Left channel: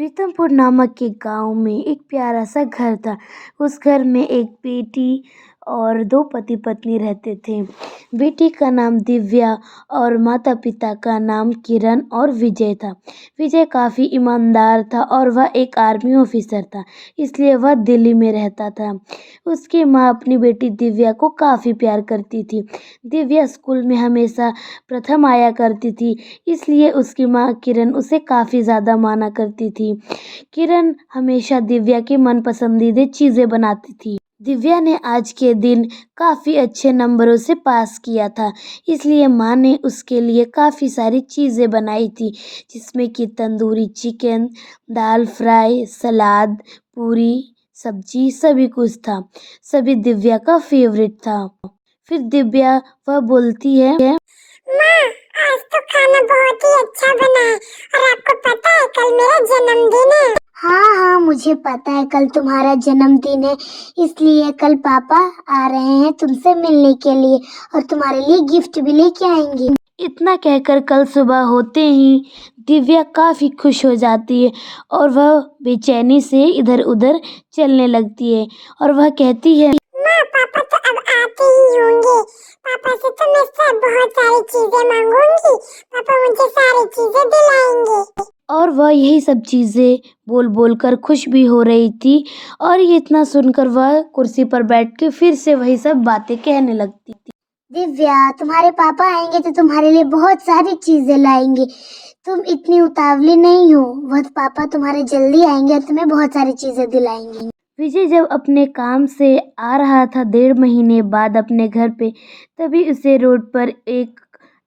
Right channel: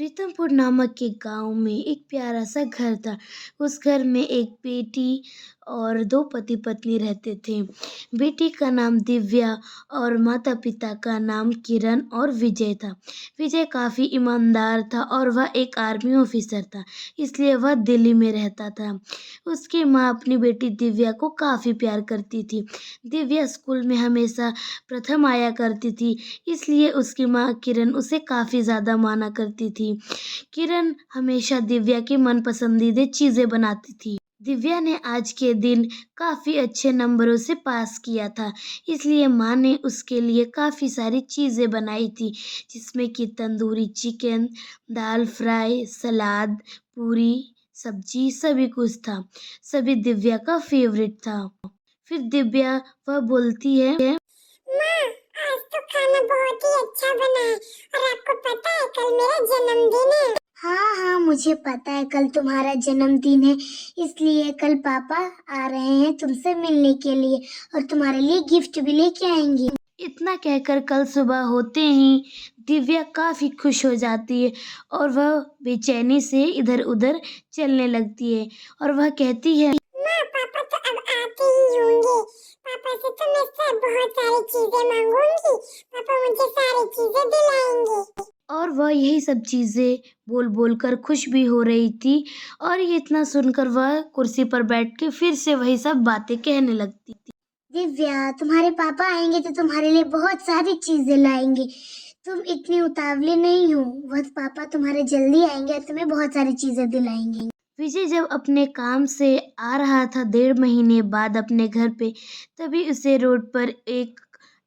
प्रीतमपुर नामक एक गांव में एक प्यारा सा घर था। उस घर में एक बेटी और दो पति पत्नी रहते थे। बेटी का नाम दिव्या और माता पिता का नाम किरण और विजय था। विजय काफ़ी ईमानदार था और वह एक आर्मी ऑफिसर था, इसलिए वह दिल्ली में रहता था। उसकी माँ अपनी बेटी दिव्या को काफ़ी प्यार करती थी। दिव्या स्कूल में हमेशा प्रथम आया करती थी, इसलिए उसकी माँ किरण उसे काफ़ी ज़्यादा माना करती थी। किरण हमेशा दिव्या की मनपसंदीदा चीज़ें बनाती थी। दिव्या ने आज के दिन काफ़ी अच्छे नंबरों से पास किया था, इसलिए माँ ने उसके लिए काफ़ी सारी चीज़ें बनाई थी, जिसमें कि तंदूरी चिकन, दाल फ्राई, सलाद, पूरी, सब्जी सभी कुछ था। सभी दिव्या का फेवरेट था। फिर दिव्या वह बोलती है, माँ, आज तो खाना बहुत ही अच्छा बना है। और आपको पता है कल मेरा जन्मदिन है। हाँ हाँ, मुझे पता है कल तुम्हारा जन्मदिन है, इसलिए कल पापा आ रहे हैं तुमसे मिलने के लिए और तुम्हारे लिए गिफ्ट भी लेके आएंगे। इतना कहकर कल सुबह होते ही दिव्या काफ़ी खुश हो जाती है और वह बेचैनी से इधर उधर चलने लगती है और वह कहती है, माँ, पापा तो अब आते ही होंगे। पापा से तो मैं सब बहुत सारी चीजें मांगूंगी। पापा मुझे सारी चीजें दिलाएंगे। और वह यही सब चीज़ें बोल बोल कर खुश भी हो रही थी। और ये इतना सुनकर वह कुर्सी पर बैठ के फिर से वही सब बातें कहने लगती थी। दिव्या, तुम्हारे पापा आएंगे तो तुम्हारे लिए बहुत सारी चीजें लाएंगे। तुम इतनी उतावली नहीं हो, वह पापा तुम्हारे जल्दी आएंगे और तुम्हें बहुत सारी चीजें दिलाएंगे। विजय जब अपने काम से आ रहा था 1.5 महीने बाद अपने घर पे, तभी उसे रोड पर एक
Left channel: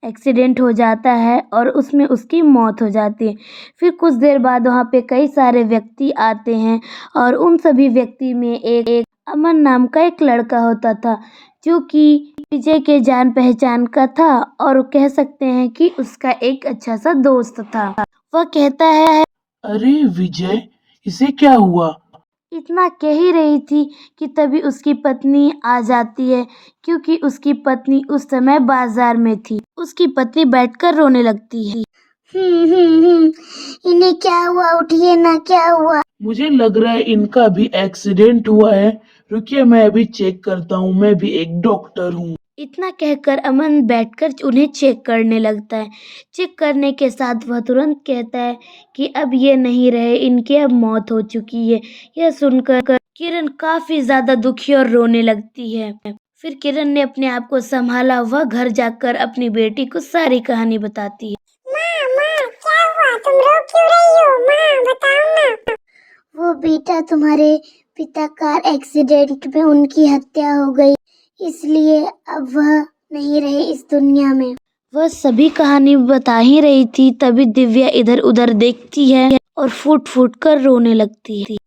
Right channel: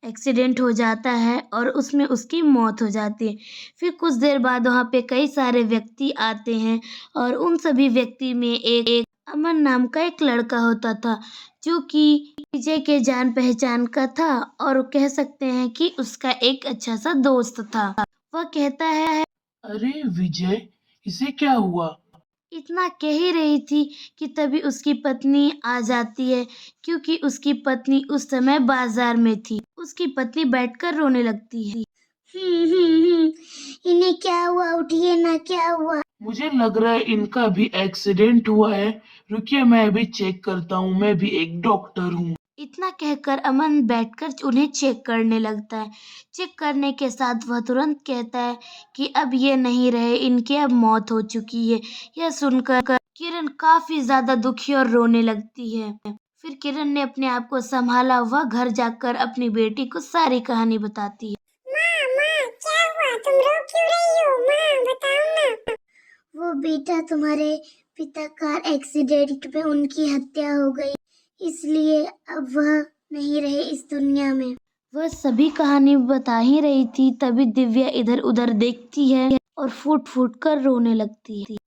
एक्सीडेंट हो जाता है और उसमें उसकी मौत हो जाती है। फिर कुछ देर बाद वहाँ पे कई सारे व्यक्ति आते हैं और उन सभी व्यक्ति में एक अमन नाम का एक लड़का होता था, जो कि विजय के जान पहचान का था और कह सकते हैं कि उसका एक अच्छा सा दोस्त था। वह कहता है, अरे विजय, इसे क्या हुआ? इतना कह ही रही थी कि तभी उसकी पत्नी आ जाती है, क्योंकि उसकी पत्नी उस समय बाजार में थी। उसकी पत्नी बैठकर रोने लगती है। इन्हें क्या हुआ? उठिए ना, क्या हुआ? मुझे लग रहा है इनका भी एक्सीडेंट हुआ है। रुकिए, मैं अभी चेक करता हूँ। मैं भी एक डॉक्टर हूँ। इतना कहकर अमन बैठकर उन्हें चेक करने लगता है। चेक करने के साथ वह तुरंत कहता है कि अब ये नहीं रहे, इनकी अब मौत हो चुकी है। यह सुनकर किरण काफी ज्यादा दुखी और रोने लगती है। फिर किरण ने अपने आप को संभाला, वह घर जाकर अपनी बेटी को सारी कहानी बताती है। माँ, क्या हुआ? तुम रो क्यों रही हो? माँ, बताओ ना। वो बेटा, तुम्हारे पिता कार एक्सीडेंट में उनकी हत्या हो गई, इसलिए अब वह नहीं रहे इस दुनिया में। वह सभी कहानी बता ही रही थी, तभी दिव्या इधर उधर देखती है और फूट फूट कर रोने लगती है।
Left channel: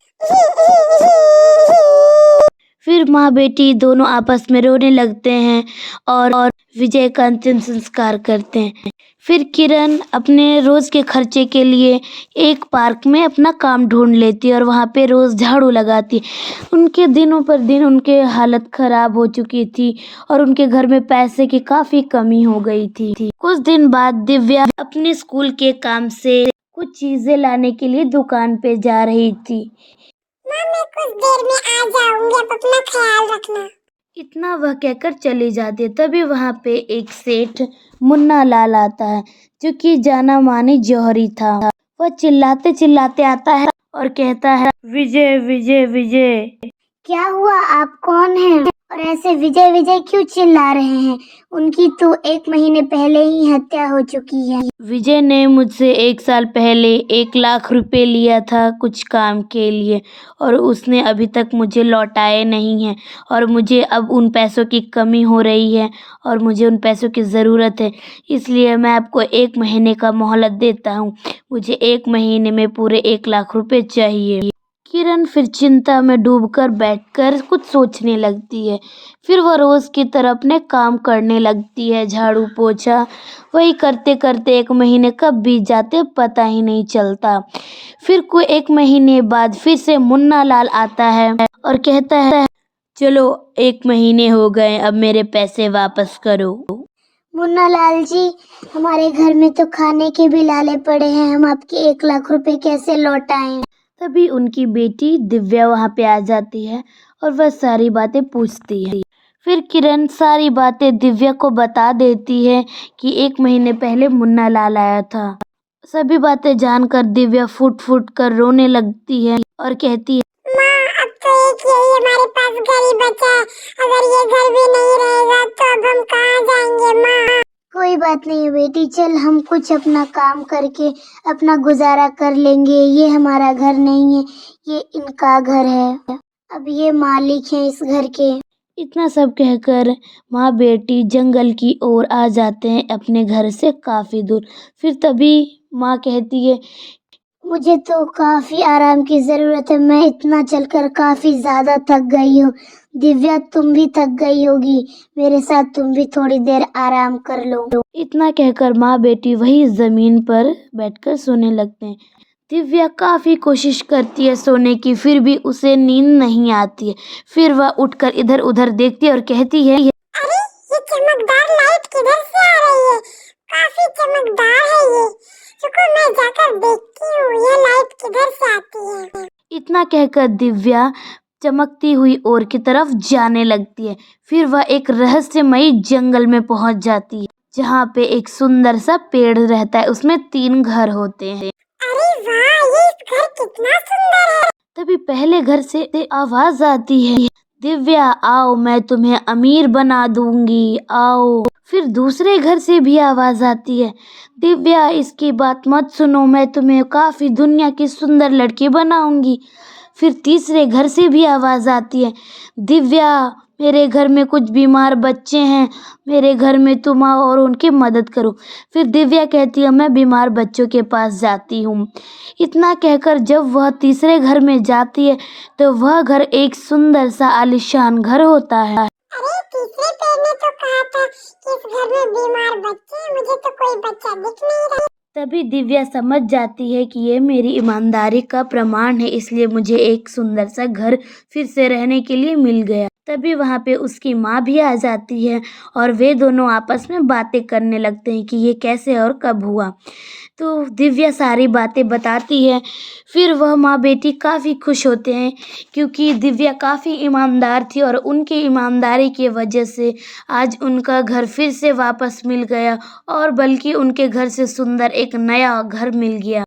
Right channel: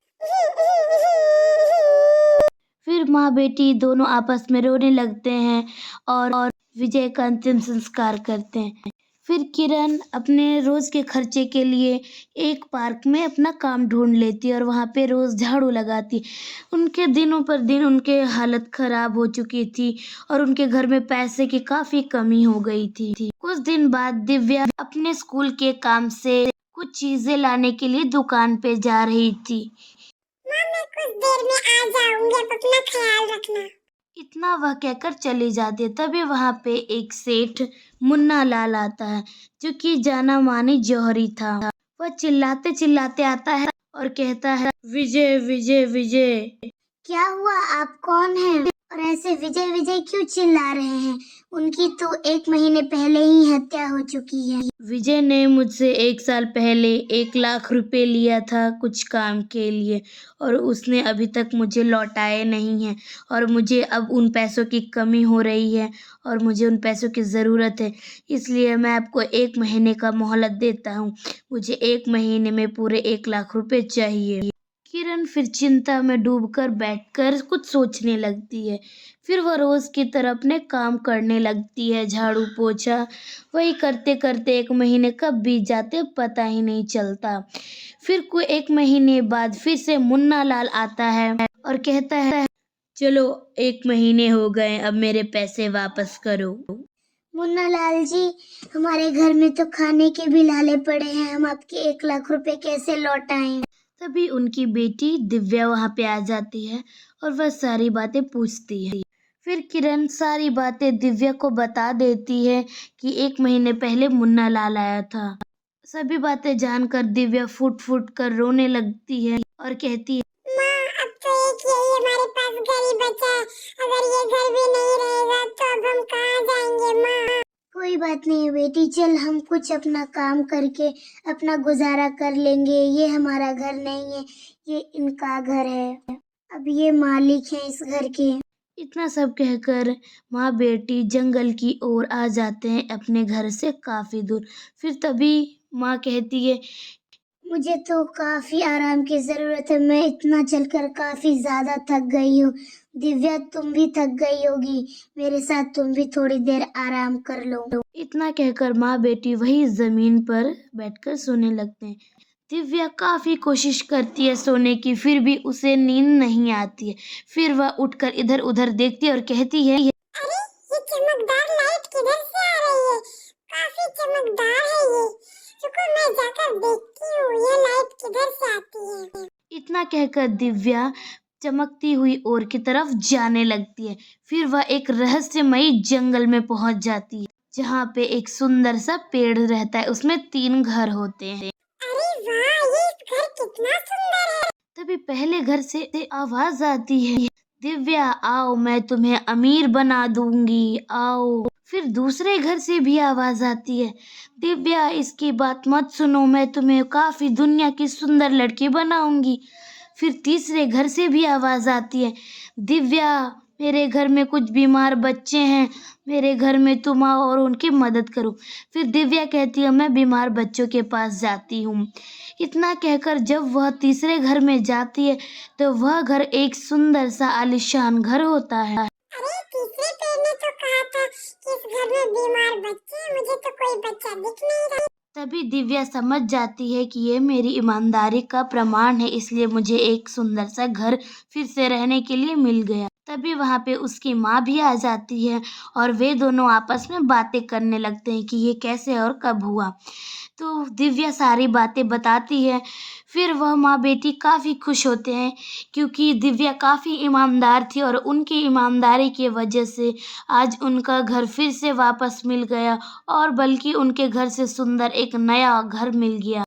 फिर माँ बेटी दोनों आपस में रोने लगते हैं और विजय का अंतिम संस्कार करते हैं। फिर किरण अपने रोज के खर्चे के लिए एक पार्क में अपना काम ढूंढ लेती है और वहाँ पे रोज झाड़ू लगाती है। उनके दिनों पर दिन उनके हालत खराब हो चुकी थी और उनके घर में पैसे की काफी कमी हो गई थी। कुछ दिन बाद दिव्या अपने स्कूल के काम से कुछ चीजें लाने के लिए दुकान पे जा रही थी। माँ, मैं कुछ देर में आ जाऊंगी, अब अपना ख्याल रखना। इतना वह कहकर चली जाती है। तभी वहां पे एक सेठ मुन्ना लाल आता है, जो कि जाना मानी जौहरी था। वह चिल्लाते चिल्लाते आता है और कहता है, विजय विजय विजय। क्या हुआ? आप कौन हैं? और ऐसे विजय विजय क्यों चिल्ला रहे हैं? उनकी तो 1 महीने पहले ही हत्या हो चुकी है। विजय ने मुझसे 1 साल पहले 1 लाख रुपए लिया था कुछ काम के लिए, और उसने अभी तक मुझे लौटाए नहीं हैं और मुझे अब उन पैसों की कमी हो रही है और मुझे उन पैसों की ज़रूरत है। इसलिए मैं आपको 1 महीने का मोहलत देता हूँ। मुझे 1 महीने में पूरे 1 लाख रुपए चाहिए। किरण फिर चिंता में डूबकर बैठकर कुछ सोचने लगती है। फिर वह रोज की तरह अपने काम करने लगती है, झाड़ू पोछा। वही करते करते 1 महीने कब बीत जाते पता ही नहीं चलता। फिर कोई 1 महीने बाद फिर से मुन्ना लाल आता है और कहता है, चलो 1 महीने हो गए, अब मेरे पैसे वापस करो। मुन्ना लाल जी, हमारे घर में तो खाने के भी लाले पड़े हैं, हम आपके 1 लाख रुपए कैसे लौटाएं? तभी उनकी बेटी दिव्या वहाँ पे आ जाती है और वह सारी बातें पूछती है। फिर किरण सारी बातें दिव्या को बता देती है कि 1 महीने पहले मुन्ना लाल आया था। सभी बातें जानकर दिव्या फूट फूट कर रोने लगती है और कहती है, माँ, अब तो एक यही हमारे पास घर ही बचा है। अगर ये घर भी नहीं रहेगा तो अब हम कहाँ जाएंगे माँ? कोई बात नहीं बेटी, चल हम कुछ अपना काम करके अपना गुजारा कर लेंगे। ये हमारा घर नहीं है, ये इनका घर है। अब ये मालिक हैं इस घर के। इतना सब कहकर माँ बेटी जंगल की ओर आ जाते हैं अपने घर से काफी दूर। फिर तभी माँ कहती है, मुझे तो काफी आराम की जरूरत है, मैं इतना चलकर काफी ज्यादा थक गई हूँ। दिव्या, तुम भी थक गई होगी, मेरे साथ तुम भी थोड़ी देर आराम कर लो। इतना कहकर माँ बेटी वही जमीन पर बैठकर सोने लगते हैं। दिव्या काफी कोशिश करती है सोने की, फिर भी उसे नींद नहीं आती है। फिर वह उठकर इधर उधर देखती है और कहती है, अरे, ये चमकदार लाइट किधर से आ रही है? काफी चमकदार है ये। रुको, मैं जाकर देखती हूँ ये लाइट किधर से आती है। इतना कहकर दिव्या चमकती हुई ओर की तरफ जाने लगती है। फिर वह एक रहस्यमयी जंगल में पहुंच जाती है, जहाँ पे एक सुंदर सा पेड़ रहता है, उसमें 3 घर होते हैं। अरे वाह, ये घर कितना सुंदर है। तभी पहले घर से आवाज आती है, दिव्या आओ, मैं तुम्हें अमीर बना दूंगी, आओ। फिर दूसरे घर से भी आवाज आती है, दिव्या इसकी बात मत सुनो, मैं तुम्हें काफी दुनिया की सुंदर लड़की बनाऊंगी। फिर तीसरे घर से भी आवाज आती है, दिव्या मेरे घर में कुछ बीमार बच्चे हैं, मेरे घर में तुम आओ और उनकी मदद करो। फिर दिव्या कहती है, मैं बीमार बच्चों के पास जाती हूँ। इतना कहकर जब वह तीसरे घर में जाती है तो वह घर एक सुंदर सा आलीशान घर होता है। अरे, तीसरे पेड़ ने तो कहा था कि इस घर में बीमार बच्चे हैं, मुझे तो कोई बच्चा दिख नहीं रहा। तभी दिव्या समझ जाती है कि ये मेरी ईमानदारी का प्रमाण है, इसलिए मुझे एक सुंदर सा घर फिर से रहने के लिए मिल गया। तभी वहाँ पे उसकी माँ भी आ जाती है और वे दोनों आपस में बातें करने लगते हैं कि ये कैसे और कब हुआ। तो दिव्या सारी बातें बताती है। फिर वह माँ बेटी काफ़ी खुश होते हैं क्योंकि दिव्या काफ़ी ईमानदार थी और उनकी ईमानदारी की वजह से आज उनका घर फिर से वापस मिल गया और बल्कि उनके घर से सुंदर एक नया घर मिल गया।